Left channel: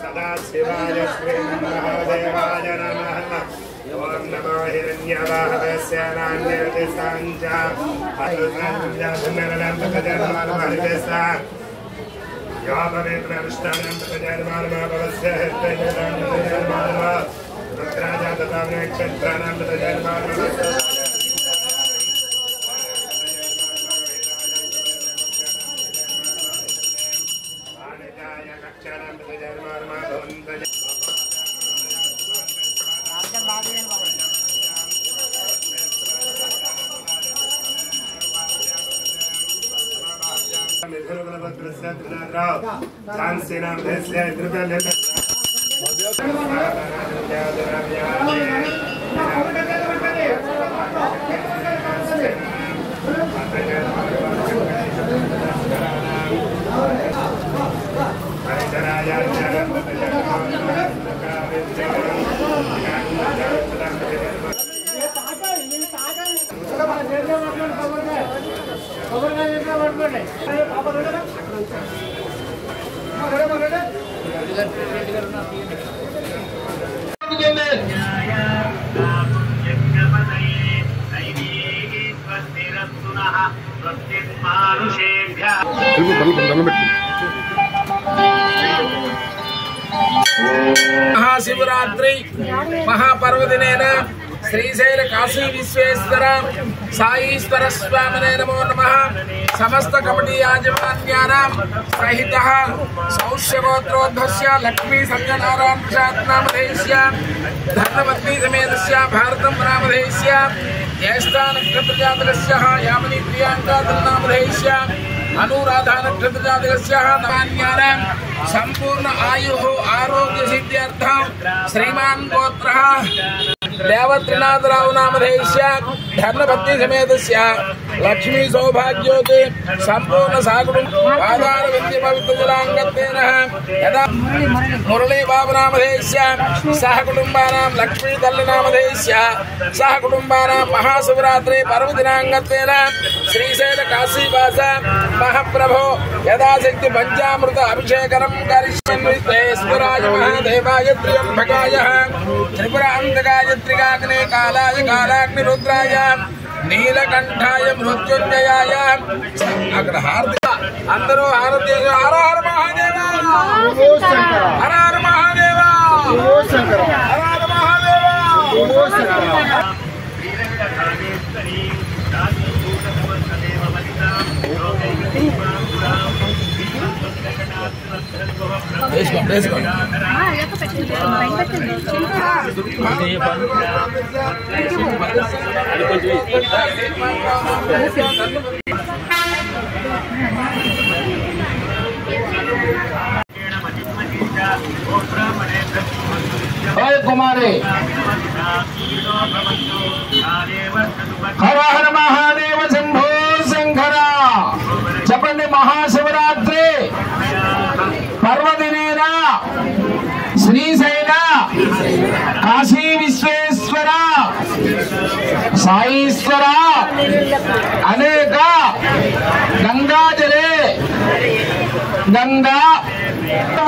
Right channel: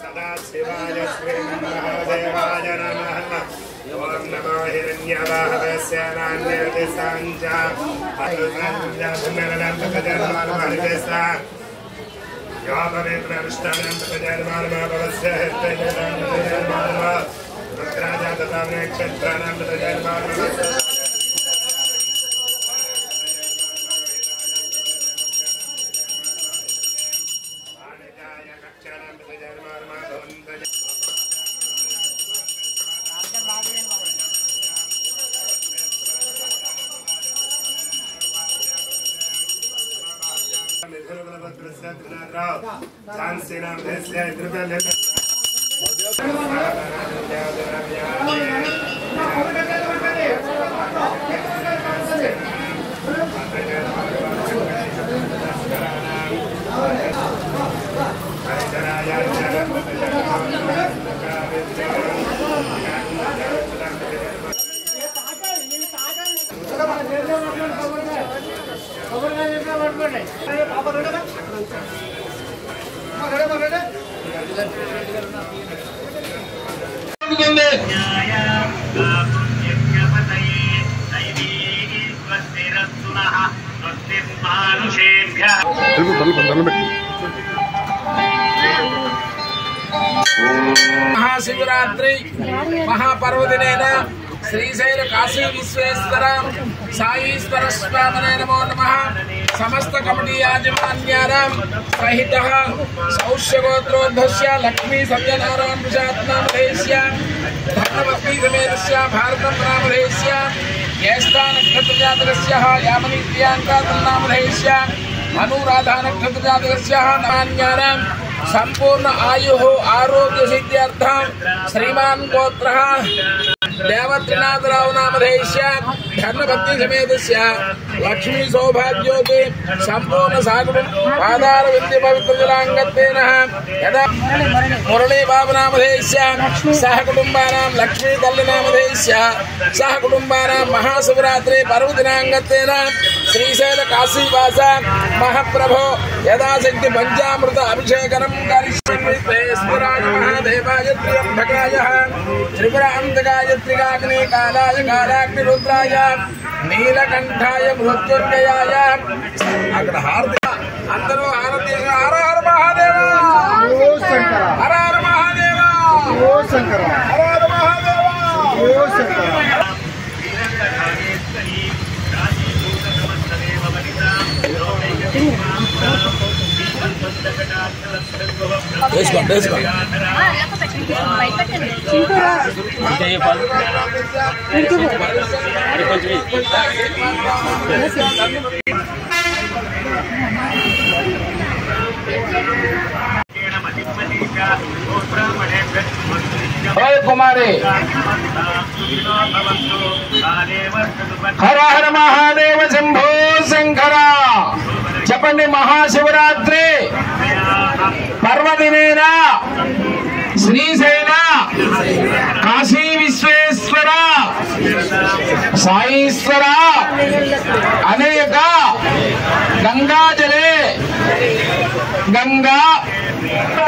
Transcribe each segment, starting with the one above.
सदा शिवाय श्री महादेवाय नमः। ओम नमो हिरण्यवाहवस्य नान्यदिशांचा अरुणञ्जननं तजन्मानमहर्षसा यो पवित्रनिष्ठानं तजन्मानमभवस्य हृदयं तजन्मानम रुद्राजा तथा नक्षत्राणां तजन्मानमभवस्य महाशिवरात्रि महापर्वदिनेन श्रीशैल काशी विश्वेश्वर साईश्वर स्वामिने नमो नमः। समस्त कमिटी याजमान्यानां सहितः सौष्यगोत्रोद्भवस्य लक्ष्मी सत्यनारायण प्रसाद नामधेयस्य धर्मपत्नी समेतस्य भारतं नामधेयस्य ज्येष्ठा नक्षत्रजातकस्य यामिनी प्रियांका नामधेयस्य अनुराधा नक्षत्रजातकस्य नामान्यानां संपूर्ण आयुः आरोग्य सिद्ध्यर्थं श्रीमान गोत्रः देवत्रिनाथराव नामधेयस्य धर्मपत्नी समेतस्य लक्ष्मी सौभाग्योति संपूर्ण सागुणं आधार विद्य पवित्र जलांगतेन यदा मुरली बाबू नामधेयस्य सह कुटुंबानां लक्ष्मी तल्ली नामधेयस्य सह कुटुंबानां महाशिवरात्रि पर्वदिनांगतेन श्रीशैल काशीवास महाप्रभो यदाशक्ति पंचामृत अभिषेकं करिष्यन्ते स्मराय महादेवाय त्र्यंबकाय त्रिपुरान्तकाय त्रिकाग्ने कालाय कालाग्नि रुद्राय नीलकंठाय मृत्युंजयाय अग्र हार्दिक अंदरो हारती हर हर महादेव हर हर महादेव हर हर महादेव कुमारी हर हर महादेव शंभो शंकर చెప్పండి महाशिवरात्रि पर्वदिनेन श्रीशैल काशी विश्वेश्वर साईश्वर अनेक गंगाजले गंगा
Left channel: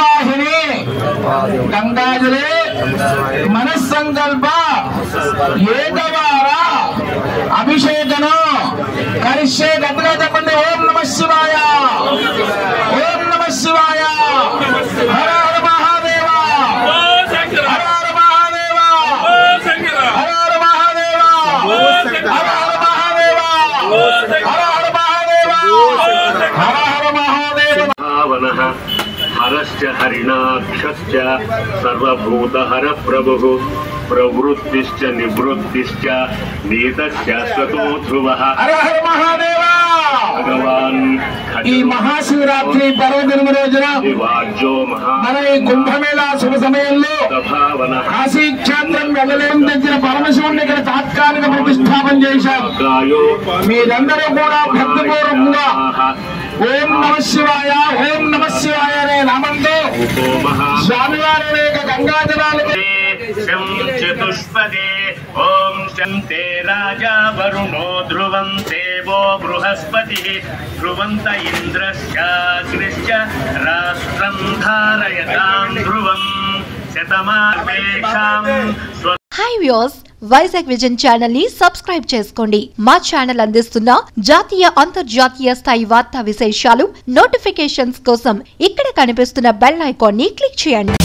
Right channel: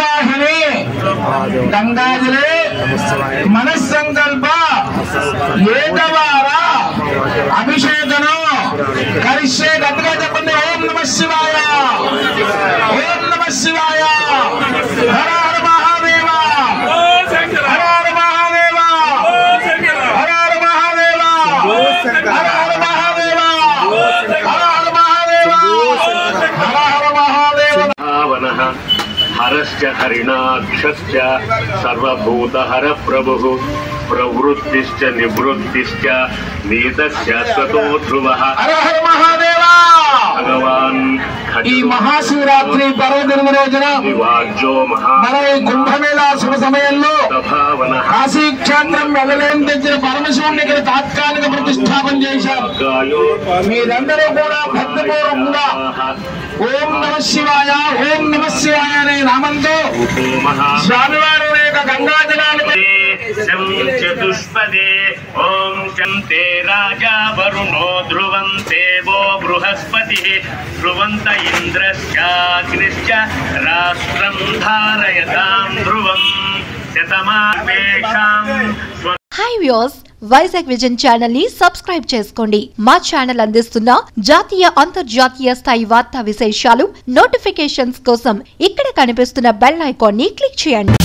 वाहिनी गंगाजले मनस्संकल्प ఏదవార అభిషేకను కరిష్యే గట్టిగా చెప్పండి ఓం నమః శివాయ ఓం నమః శివాయ హర హర మహాదేవ హర హర మహాదేవ హర హర మహాదేవ హర హర మహాదేవ హర హర మహాదేవ హర హర మహాదేవ భావనః హరశ్చ హరిణాక్షశ్చ సర్వభూతహర ప్రభుః प्रवृत्तिश्च निवृत्तिश्च नीतशाश्वतो ध्रुवः हर हर महादेव भगवान् ఈ మహాశివరాత్రి పర్వదినం రోజున మన ఈ కుంభమేళా శుభ సమయంలో కాశీ క్షేత్రం వెళ్ళలేని తెచ్చిన పరమశివుని ఇక్కడ తాత్కాలిక ప్రతిష్టాపన చేశారు. మీరందరూ కూడా భక్తిపూర్వకంగా ఓం నమ శివాయ అనే నామంతో స్వామివారి యొక్క గంగాజలాలు शं चतुष्पदे ओम शंते राजा वरुणो ध्रुवं देवो बृहस्पतिः ध्रुवन्त इंद्रश्चाग्निश्च राष्ट्रं धारयतां ध्रुवं शतमापेक्षां hi viewers Vizag vision channel ని సబ్స్క్రైబ్ చేసుకోండి. మా ఛానల్ అందిస్తున్న జాతీయ అంతర్జాతీయ స్థాయి వార్తా విశేషాలు నోటిఫికేషన్స్ కోసం ఇక్కడ కనిపిస్తున్న బెల్ ఐకాన్ ని క్లిక్ చేయండి.